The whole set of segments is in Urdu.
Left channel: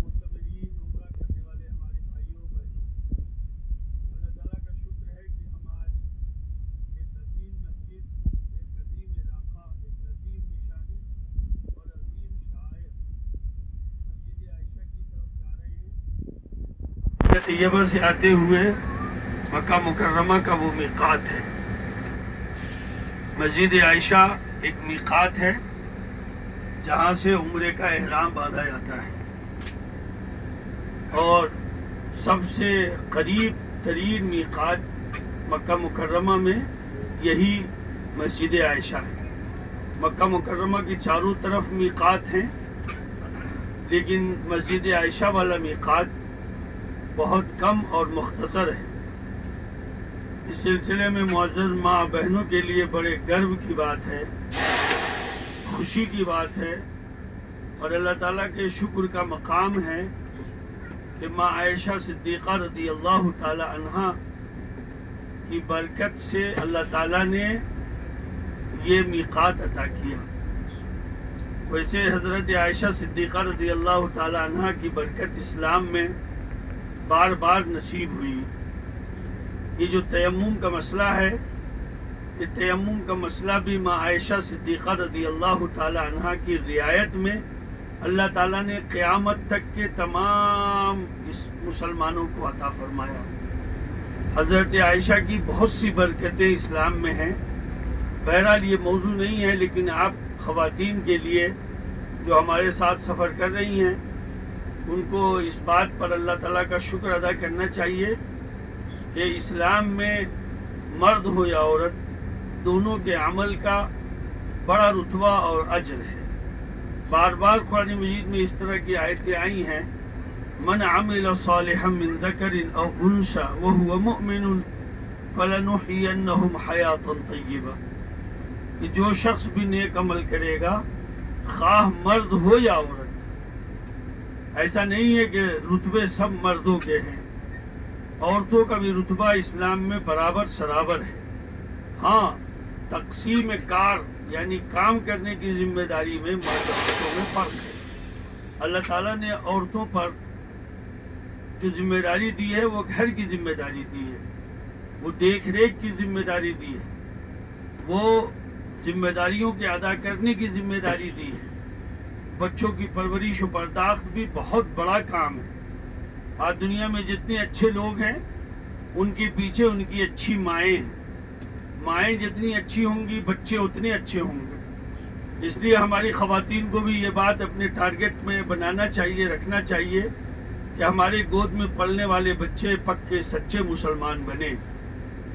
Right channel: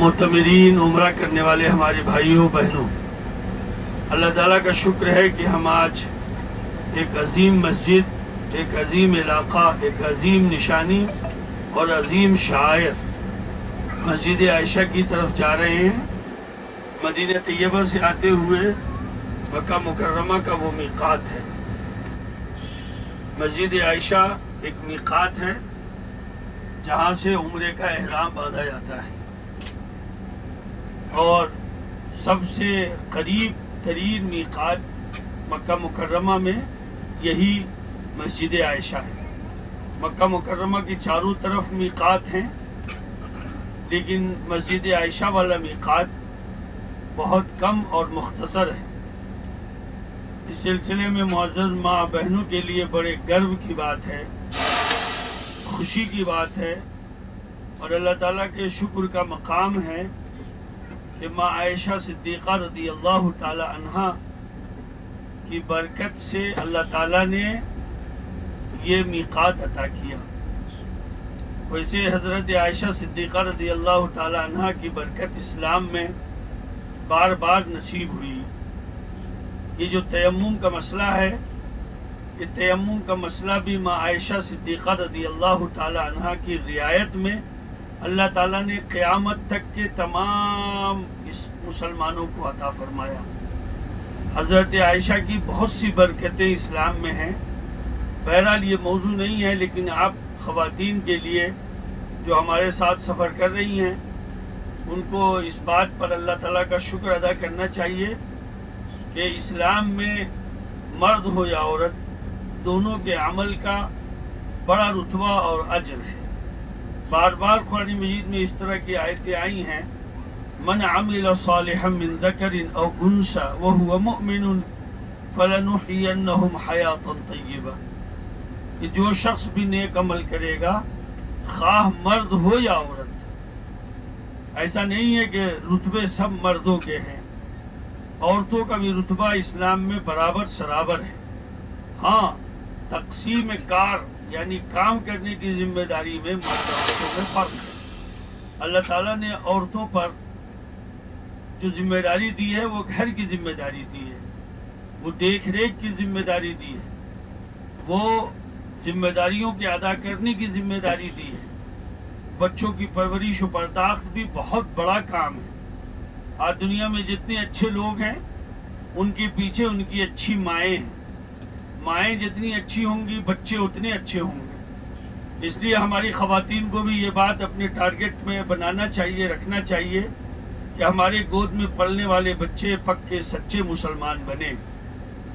معتمرین عمرہ کرنے والے ہمارے بھائیوں بہنوں، اللہ تعالیٰ کا شکر ہے کہ ہم آج ایک عظیم مسجد، ایک عظیم علاقہ، ایک عظیم نشانی اور عظیم شاعر مسجد عائشہ کی طرف جا رہے ہیں۔ مدینہ طیبہ سے آتے ہوئے مکہ مکرمہ کا وہ میقات ہے۔ مسجد عائشہ ایک میقات ہے جہاں سے عمرے کا احرام باندھا جاتا ہے، اور سب سے قریب ترین میقات مکہ مکرمہ میں یہی مسجد عائشہ ہے۔ مکہ مکرمہ کی چاروں طرف میقات ہیں، لیکن مسجد عائشہ والا میقات بہت کم اور مختصر ہے۔ اس سلسلے میں معزز ماں بہنوں کے لیے بڑے گرو کی بات ہے، خوشی کی بات ہے، اور اللہ تعالیٰ کے شکر کا مقام ہے کہ ماں عائشہ صدیقہ رضی اللہ تعالی عنہا کی برکت سے اللہ تعالیٰ نے یہ میقات عطا کیا۔ ویسے حضرت عائشہ صدیقہ رضی اللہ تعالی عنہا کی برکت اسلام میں بار بار نصیب ہوئی۔ یہ جو تیمم کا مسئلہ ہے، یہ تیمم کا مسئلہ بھی ماں عائشہ صدیقہ رضی اللہ تعالی عنہا کی رعایت میں اللہ تعالیٰ نے قیامت تک کے تمام اس مسلمانوں کو عطا فرمایا۔ حضرت عائشہ کی بہت سی برکتیں اسلام میں ہیں۔ بہرحال یہ موضوع نہیں ہے، لیکن آپ خواتین کے لیے جو ہمارے ساتھ سفر کر رہی ہیں ان کو اس بات پر اللہ تعالیٰ کا شکر ادا کرنا چاہیے کہ اسلام میں مرد ہو یا عورت، دونوں کے عمل کا بڑا رتبہ اور اجر ہے۔ بار بار قرآن مجید میں اس طرح کی آیتیں آئی ہیں، من عمل صالحا من ذکر او انثى وهو مؤمن فلنحيينهم حیاتا طیبہ، کہ جو شخص بھی نیک عمل کرے گا، خواہ مرد ہو یا عورت۔ ایسا نہیں ہے کہ رتبے سب مردوں کے ہیں، عورتوں کا بھی رتبہ اسلام میں برابر سرابر ہے۔ ہاں، تقسیم کار یعنی کام کرنے کی ذمہ داری میں مرد عورتوں میں فرق ہے۔ اللہ تعالیٰ نے عورتوں پر جو ذمہ داری دی ہے وہ گھر کی ذمہ داری دی ہے، وہ دیکھ ریکھ کی ذمہ داری دی ہے، وہ ذمہ داریوں کے ادا کرنے کی ذمہ داری دی ہے۔ بچوں کی پرورش و پرداخت بھی بہت بڑا کام ہے۔ آج دنیا میں جتنے اچھے لوگ ہیں ان کے پیچھے ان کی اچھی مائیں ہیں۔ مائیں جتنی اچھی ہوں گی بچے اتنے اچھے ہوں گے۔ اس لیے ہماری خواتین کو بھی یہ بات اپنے ٹارگٹ میں بنانا چاہیے، رکھنا چاہیے کہ ہمارے گود میں پلنے والے بچے پکے سچے مسلمان بنے۔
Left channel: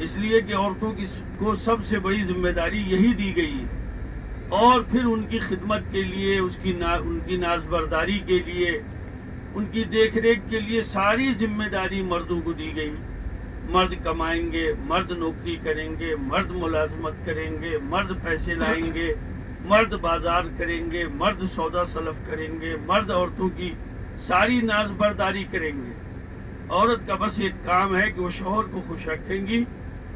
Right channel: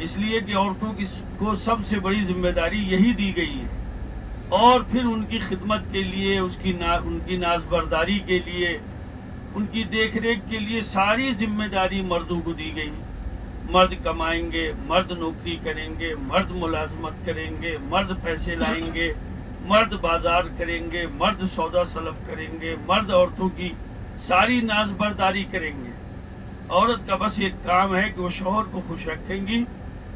اس لیے کہ عورتوں کو سب سے بڑی ذمہ داری یہی دی گئی ہے، اور پھر ان کی خدمت کے لیے، ان کی نازبرداری کے لیے، ان کی دیکھ ریکھ کے لیے ساری ذمہ داری مردوں کو دی گئی۔ مرد کمائیں گے، مرد نوکری کریں گے، مرد ملازمت کریں گے، مرد پیسے لائیں گے، مرد بازار کریں گے، مرد سودا سلف کریں گے، مرد عورتوں کی ساری ناز برداری کریں گے۔ عورت کا بس ایک کام ہے کہ وہ شوہر کو خوش رکھیں گی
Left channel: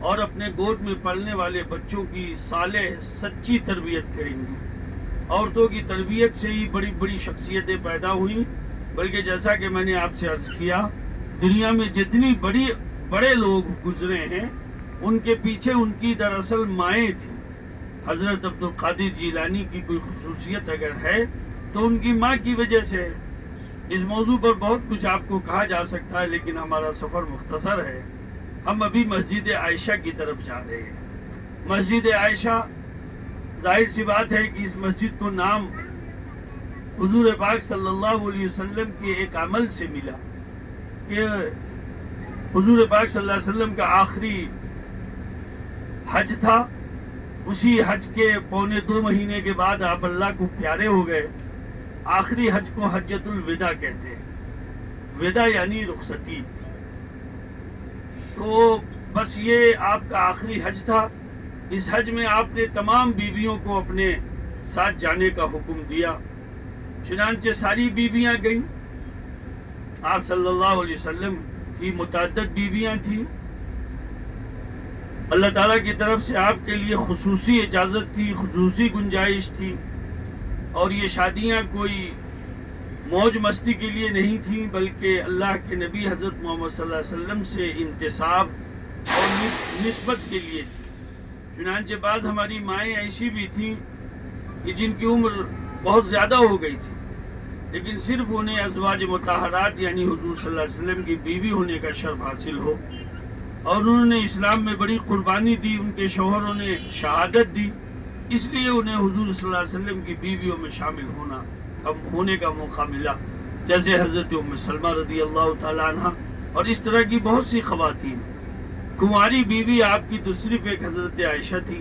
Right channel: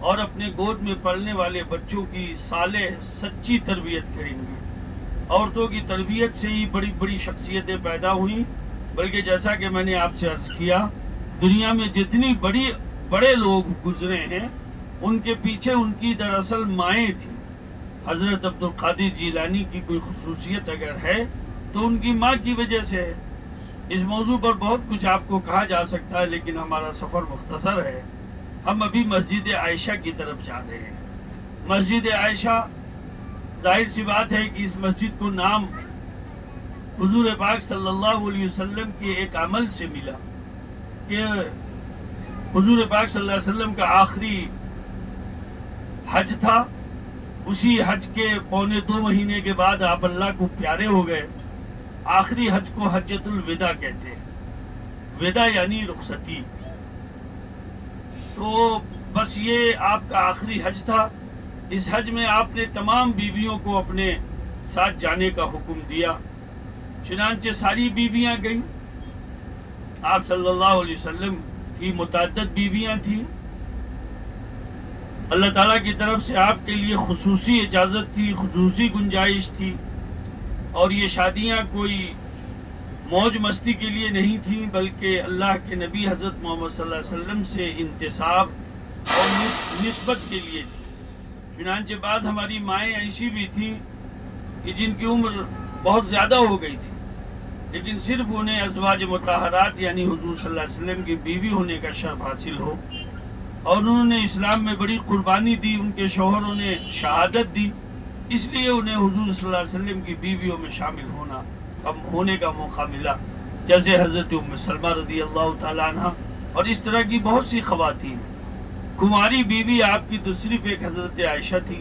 اور اپنے گود میں پلنے والے بچوں کی صالح سچی تربیت کریں گی۔ عورتوں کی تربیت سے ہی بڑی بڑی شخصیتیں پیدا ہوئیں، بلکہ جیسا کہ میں نے آپ سے عرض کیا، دنیا میں جتنی بڑے لوگ گزرے ہیں ان کے پیچھے ان کی دراصل مائیں تھیں۔ حضرت عبد القادر جیلانی کی کوئی خصوصیت اگر ہے تو ان کی ماں کی وجہ سے ہے۔ اس موضوع پر بہت کچھ آپ کو کہا جا سکتا ہے، لیکن ہمارا سفر مختصر ہے۔ ہم ابھی مسجد عائشہ کی طرف جا رہے ہیں۔ مسجد عائشہ، ظاہر سی بات ہے کہ اس مسجد کو نام حضور پاک صلی اللہ علیہ وسلم کے ایک عمل سے ملا کہ حضور پاک صلی اللہ علیہ وسلم کا آخری حج تھا۔ اسی حج کے 2.25 مہینے کے بعد آپ اللہ کو پیارے ہو گئے۔ آخری حج کو حجۃ الوداع کہتے ہیں، وداع یعنی رخصتی۔ تو بس یہ آپ کا آخری حج تھا۔ اس حج میں آپ نے تمام بیویوں کو اپنے ساتھ جانے کا حکم دیا، چنانچہ ساری بیویاں گئیں۔ آپ صلی اللہ علیہ وسلم کی متعدد بیویاں تھیں۔ اللہ تعالیٰ کی طرف سے آپ کے لیے خصوصی اجازت تھی، خصوصی گنجائش تھی، اور یہ شادیاں کوئی موج مستی کے لیے نہیں تھیں، بلکہ اللہ کے نبی حضرت محمد صلی اللہ علیہ وسلم سے انتساب اور نسبت کے لیے تھی۔ چنانچہ بعض ہماری مائیں ایسی بھی تھیں کہ جن کی عمر بہت زیادہ ہو گئی تھی، لیکن صرف انہیں ازواج مطہرات یعنی حضور صلی اللہ علیہ وسلم کی بیوی ہونے کا شرف حاصل ہو، اور انہوں نے اسلام میں بڑی قربانی دی، ان کے شوہروں نے شہادت دی، اس لیے انہیں حضور صلی اللہ علیہ وسلم کی بیویوں میں شامل ہونے کا موقع ملا، جیسے حضرت ام سلمہ رضی اللہ تعالیٰ عنہ اور اس طرح کی بہت سی خواتین۔ کماری بیوی آپ کی تو صرف ایک حضرت عائشہ تھی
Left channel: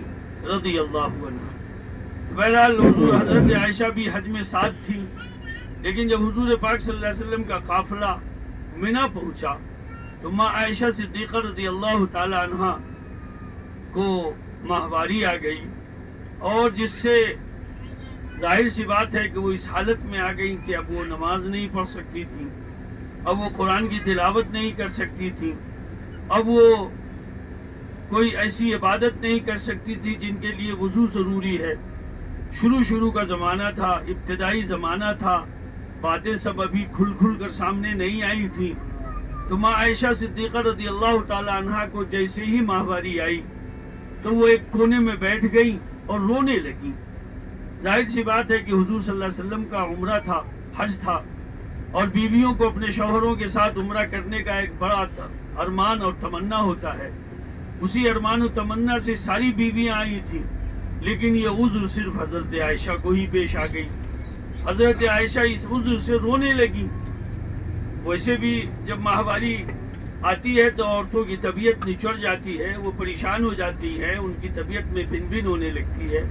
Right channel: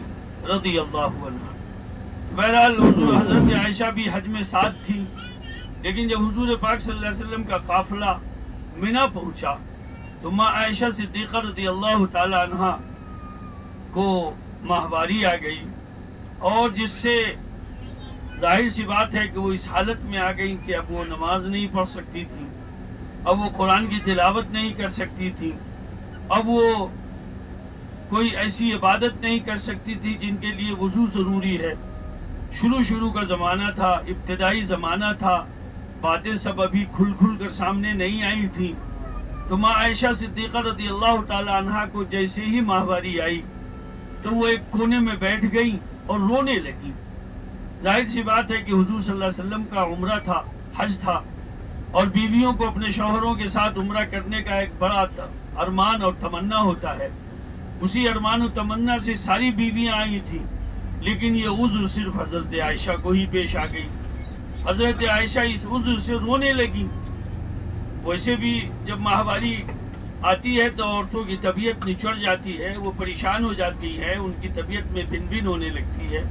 رضی اللہ عنہ۔ بہرحال حضرت عائشہ بھی حج میں ساتھ تھی، لیکن جب حضور پاک صلی اللہ علیہ وسلم کا قافلہ منا پہنچا تو ماں عائشہ صدیقہ رضی اللہ تعالی عنہ کو ماہواری آ گئی، اور جس سے ظاہر سی بات ہے کہ وہ اس حالت میں آ گئی کہ اب وہ نماز نہیں پڑھ سکتی تھی، اب وہ قرآن کی تلاوت نہیں کر سکتی تھی، اب وہ کوئی ایسی عبادت نہیں کر سکتی تھی جن کے لیے وضو ضروری ہے۔ شروع کا زمانہ تھا، ابتدائی زمانہ تھا، باتیں سب ابھی کھل کر سامنے نہیں آئی تھی۔ تو ماں عائشہ صدیقہ رضی اللہ تعالی عنہا کو جیسے ہی ماہواری آئی تو وہ ایک کونے میں بیٹھ گئی اور رونے لگی۔ ظاہر سی بات ہے کہ حضور صلی اللہ علیہ وسلم کا عمرہ تھا، حج تھا، اور بیویوں کو اپنے شوہروں کے ساتھ عمرہ کرنے کا ایک بڑا ارمان اور تمنا ہوتا ہے۔ اسی ارمان و تمنا سے ساری بیویاں آئی تھیں، لیکن یہ عذر صرف حضرت عائشہ کو ہی پیش آ گئی۔ حضرت عائشہ اس عذر سے رونے لگی۔ ویسے بھی جب ماہواری آتی ہے تو عورتوں کی طبیعت نچڑ جاتی ہے، وہ پریشان ہو جاتی ہے، ان کی طبیعت میں بن بن ہونے لگتی ہے،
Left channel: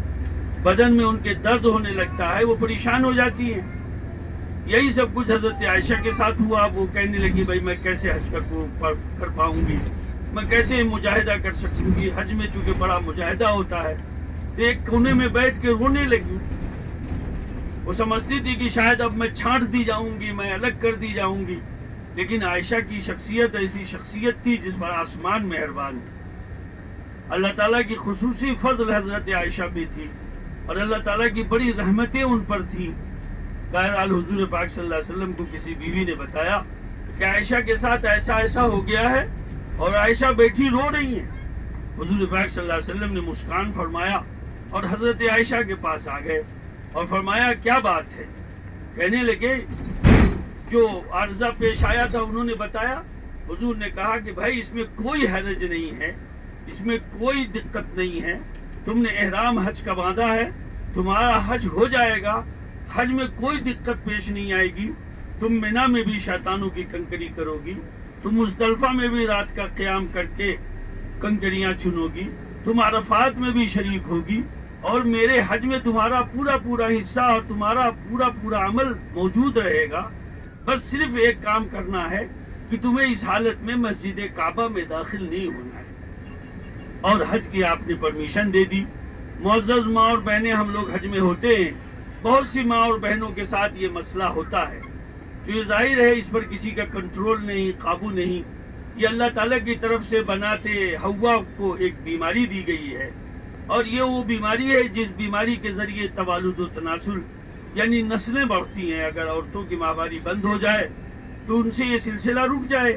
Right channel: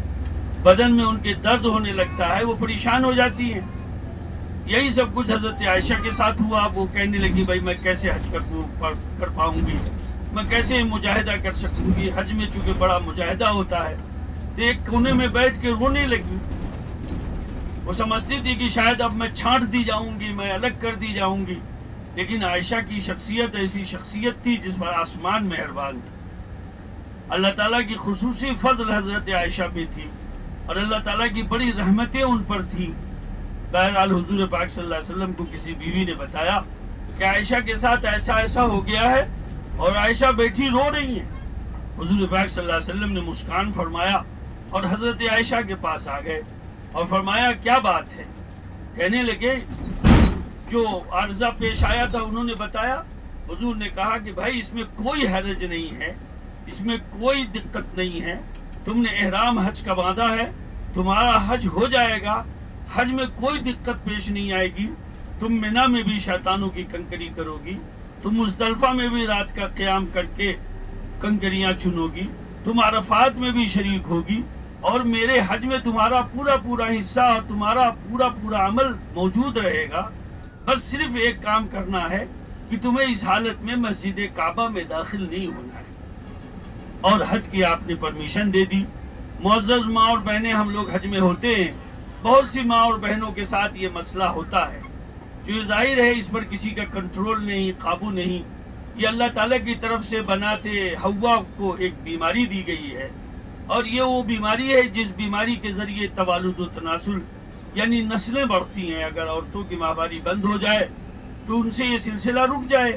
بدن میں ان کے درد ہونے لگتا ہے، وہ پریشان ہو جاتی ہیں۔ یہی سب کچھ حضرت عائشہ کے ساتھ ہوا۔ وہ کہنے لگی بھائی میں کیسے حج کر پاؤں گی، میں کیسے مجاہدہ کر سکوں گی، حج میں چونکہ بڑا مجاہدہ ہوتا ہے۔ تو ایک کونے میں بیٹھ کے رونے لگی۔ وہ سمجھتی تھی کہ شاید اب میں چھانٹ دی جاؤں گی، میں الگ کر دی جاؤں گی، لیکن عائشہ کی شخصیت ایسی شخصیت تھی جس پر آسمان مہربان تھا۔ اللہ تعالیٰ کی خصوصی فضل حضرت عائشہ پہ تھی، اور اللہ تعالیٰ کی بڑی رحمتیں ان پر تھی۔ بہرحال حضور پاک صلی اللہ علیہ وسلم کو کسی بیوی نے بتایا کہ عائشہ کے ساتھ ایسا ہو گیا ہے، اور عائشہ بیٹھی رو رہی ہیں۔ حضور پاک صلی اللہ علیہ وسلم نے مسکان فرمایا اور حضرت عائشہ کے پاس آ گئے اور فرمایا کیا بات ہے؟ کہنے لگے جو عارضہ پیش آیا تھا انہوں نے بتایا۔ حضور نے کہا کہ بھائی اس میں کوئی حرج نہیں ہے، اس میں کوئی دقت نہیں ہے، تم نے احرام حج کا باندھا ہے، تمہارا حج ہو جائے گا، حج میں کوئی دقت پیش نہیں آئے گی، تم منا میں بھی شیطانوں کی کنکری کرو گی، تم مزدلفہ میں بھی رات کا قیام کر کے کنکریاں چنو گی، تم عرفات میں بھی شریک ہوگی، اور میرے حج میں تمہارا پورا حصہ اور تمہارا پورا عمل موجود رہے گا۔ بس صرف ایک کام کرنا ہے کہ تمہیں اس حالت میں مسجد کعبہ میں داخل نہیں ہونا ہے۔ اور حج کی آپ نے پرمیشن دے دی۔ معزز ماں اور بہنیں، ہم لوگ حج میں ہوتے ہیں، بہت سی ماں اور بہنوں کے ساتھ یہ مسئلہ ہوتا ہے، جو یہ ظاہر ہے اس پر کسی کا کنٹرول نہیں، قابو نہیں۔ یہ اللہ تعالیٰ کی طرف سے بناتے حوا کو ایک بیماری دی گئی ہے، اور یہ وہ بیماری ہے جس بیماری کے ذریعے توالد و تناسل یعنی نسلیں بڑھتی ہیں۔ اگر عورتوں کی ماہواری بند ہو جائے تو ان سے یہ سلسلہ رک جائے،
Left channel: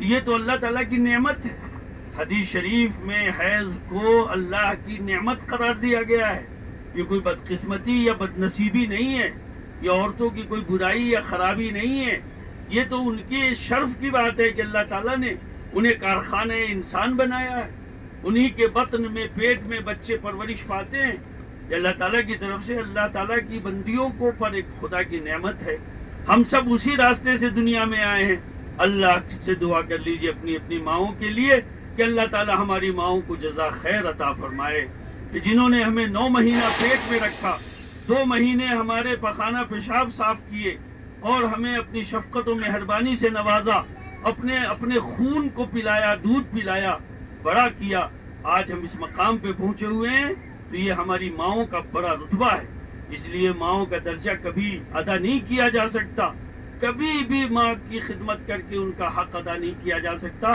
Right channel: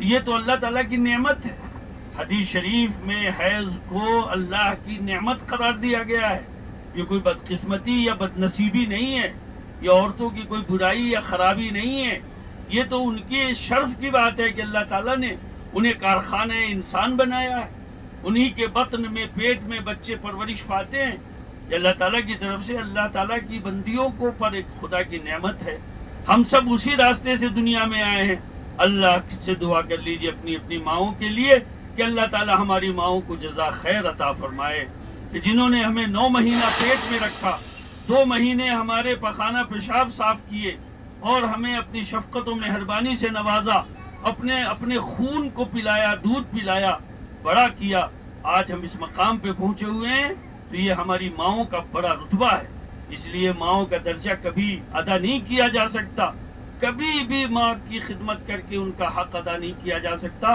یہ تو اللہ تعالیٰ کی نعمت ہے۔ حدیث شریف میں حیض کو اللہ کی نعمت قرار دیا گیا ہے۔ یہ کوئی بدقسمتی یا بد نصیبی نہیں ہے، یہ عورتوں کی کوئی برائی یا خرابی نہیں ہے، یہ تو ان کے شرف کی بات ہے کہ اللہ تعالیٰ نے انہیں کارخانہ انسان بنایا ہے، انہی کے بطن میں، پیٹ میں بچے پرورش پاتے ہیں۔ یہ اللہ تعالیٰ کی طرف سے اللہ تعالیٰ کی بندیوں کو پر ایک خدا کی نعمت ہے۔ ہم سب اسی راستے سے دنیا میں آئے ہیں۔ اللہ سے دعا کر لیجئے اپنی اپنی ماؤں کے لیے کہ اللہ تعالیٰ ہماری ماؤں کو جزا خیر عطا فرمائے، کہ جنہوں نے ہمیں 9 مہینہ پیٹ میں رکھا، 2 مہینے ہمارے پخانہ پیشاب صاف کیے، اور ہمیں اپنی شفقت و مہربانی سے نوازا، اپنے خون کو پلایا، دودھ پلایا، بڑا کیا۔ آج ہم اس مقام پہ پہنچے ہوئے ہیں تو یہ ہماری ماؤں کا بڑا رتبہ ہے۔ اس لیے ماؤں کا درجہ کبھی ادا نہیں کیا جا سکتا، کبھی بھی ماں کی خدمت کر کے ان کا حق ادا نہیں کیا جا سکتا۔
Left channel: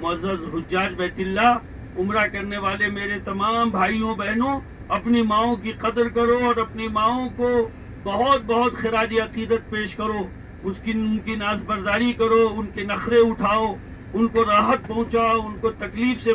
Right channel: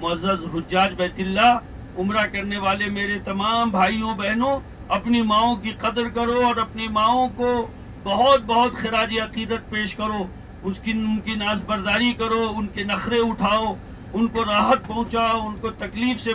معزز حجاج بیت اللہ، عمرہ کرنے والے میرے تمام بھائیوں بہنوں، اپنی ماؤں کی قدر کرو اور اپنی ماؤں کو بہت بہت خراج عقیدت پیش کرو، ان کی ناز برداری کرو، ان کے نخرے اٹھاؤ، ان کو راحت پہنچاؤ، ان کو تکلیف سے